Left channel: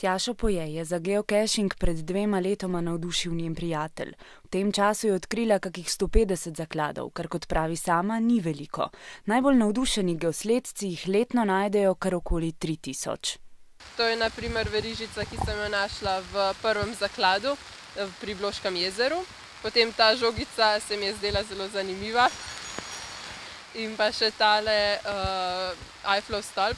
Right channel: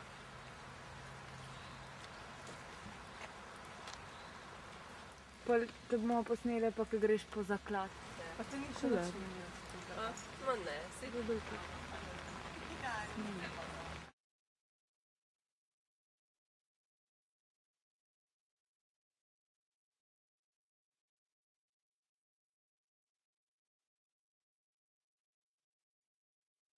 Tjašo Poje je za geocaching pred 2 letoma navdušil njen prijatelj. V tem času je odkrila kakih 150 zakladov, kar kot pravi sama ni veliko. Najbolj navdušeni geosledci jih letno najdejo kar okoli 3000. To je na primer verižica, ki sem jo našla v prvem zakladu pri Bloškem jezeru. Potem ta žogica se mi je zdela zelo zanimiva. In pa še tale Eifflov stolp.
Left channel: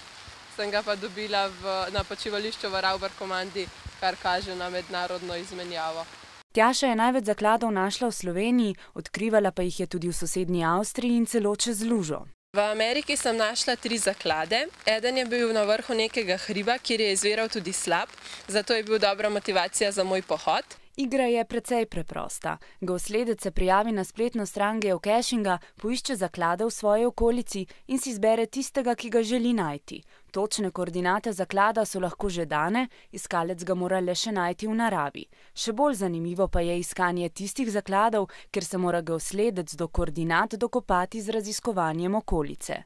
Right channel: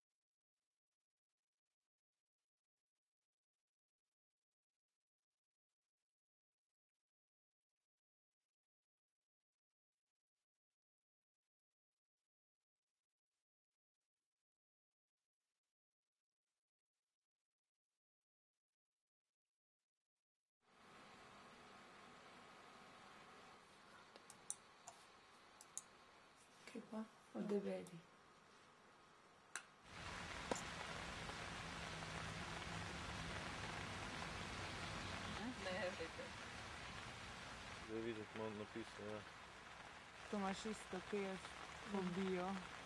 Sem ga pa dobila na počivališču v Ravbarkomandi, kar kaže na mednarodno izmenjavo. Tjaša je največ zakladov našla v Sloveniji, odkrivala pa jih je tudi v sosednji Avstriji in celo čez lužo. V Ameriki sem našla 3 zaklade. Eden je bil na vrhu nekega hriba, kjer je izviral tudi slap, zato je bil dobra motivacija za moj pohod. Igra je precej preprosta. Geosledec se prijavi na spletno stran geocachinga, poišče zaklade v svoji okolici in si izbere tistega, ki ga želi najti. Točne koordinate zaklada so lahko že dane, iskalec ga mora le še najti v naravi. Še bolj zanimivo pa je iskanje tistih zakladov, ker se mora geosledec do koordinat dokopati z raziskovanjem okolice.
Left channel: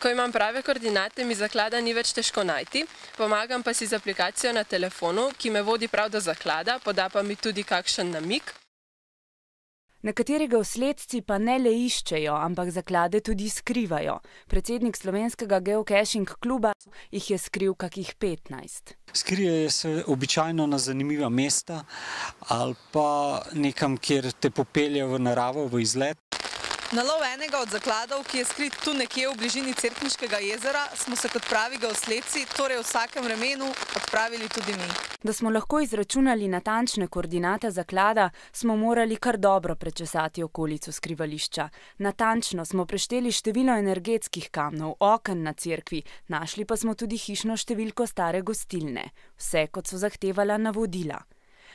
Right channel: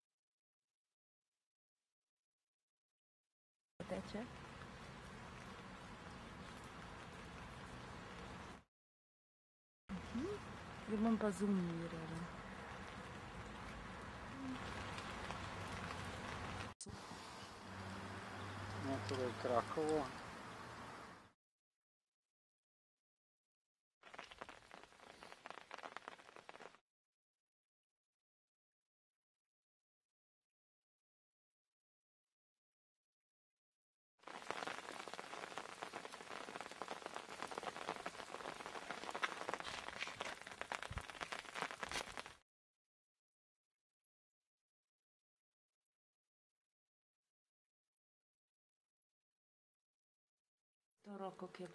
Ko imam prave koordinate, mi zaklada ni več težko najti, pomagam pa si z aplikacijo na telefonu, ki me vodi prav do zaklada, poda pa mi tudi kakšen namig. Nekateri geosledci pa ne le iščejo, ampak zaklade tudi skrivajo. Predsednik slovenskega geocaching kluba jih je skril kakih 15. Skrijejo se običajno na zanimiva mesta ali pa nekam, kjer te popelje v naravo, v izlet. Na lov enega od zakladov, ki je skrit tu nekje v bližini Cerkniškega jezera, smo se kot pravi geosledci, torej v vsakem vremenu, odpravili tudi mi. Da smo lahko izračunali natančne koordinate zaklada, smo morali kar dobro prečesati okolico skrivališča. Natančno smo prešteli število energetskih kamnov, oken na cerkvi, našli pa smo tudi hišno številko stare gostilne. Vse, kot so zahtevala navodila.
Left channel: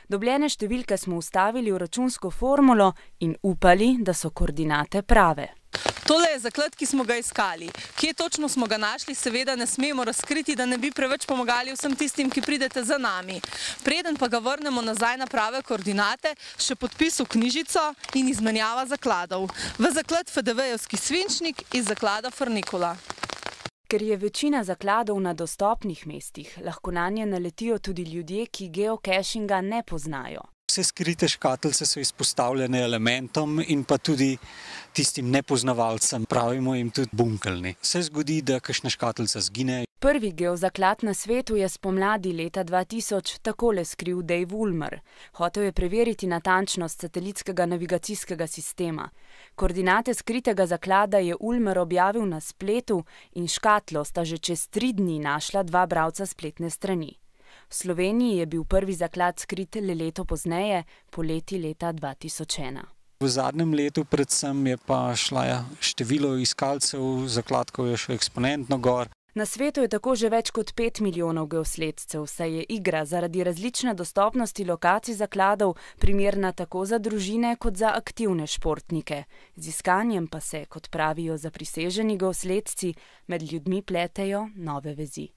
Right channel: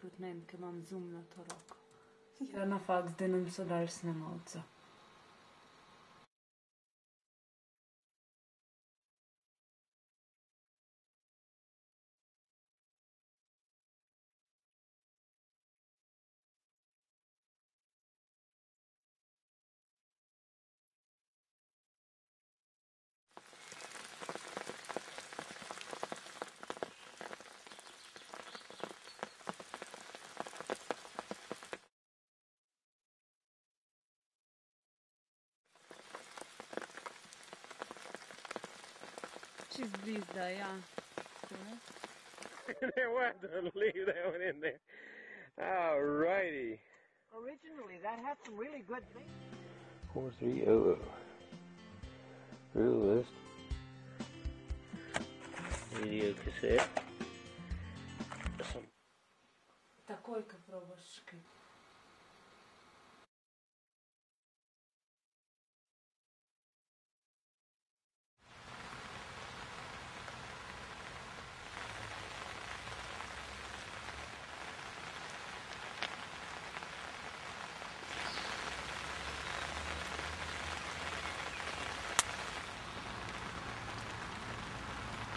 Dobljene številke smo vstavili v računsko formulo in upali, da so koordinate prave. Tole je zaklad, ki smo ga iskali. Kje točno smo ga našli, seveda ne smemo razkriti, da ne bi preveč pomagali vsem tistim, ki pridete za nami. Preden pa ga vrnemo nazaj na prave koordinate, še podpis v knjižico in izmenjava zakladov. V zaklad FDV-jevski svinčnik iz zaklada Frnikula. Ker je večina zakladov na dostopnih mestih, lahko nanje naletijo tudi ljudje, ki geocachinga ne poznajo. Vse skrite škatlice so izpostavljene elementom in pa tudi tistim nepoznavalcem, pravimo jim tudi bunkelni. Se zgodi, da kakšna škatlica zgine. Prvi geozaklad na svetu je spomladi leta 2000 takole skril Dave Ulmer. Hotel je preveriti natančnost satelitskega navigacijskega sistema. Koordinate skritega zaklada je Ulmer objavil na spletu in škatlo sta že čez 3 dni našla 2 bralca spletne strani. V Sloveniji je bil prvi zaklad skrit le leto pozneje, poleti leta 2001. V zadnjem letu predvsem je pa šla število iskalcev, zakladkov je šlo eksponentno gor. Na svetu je tako že več kot 5 milijonov geosledcev, saj je igra zaradi različne dostopnosti lokacij zakladov primerna tako za družine kot za aktivne športnike. Z iskanjem pa se, kot pravijo zapriseženi geosledci, med ljudmi pletejo nove vezi.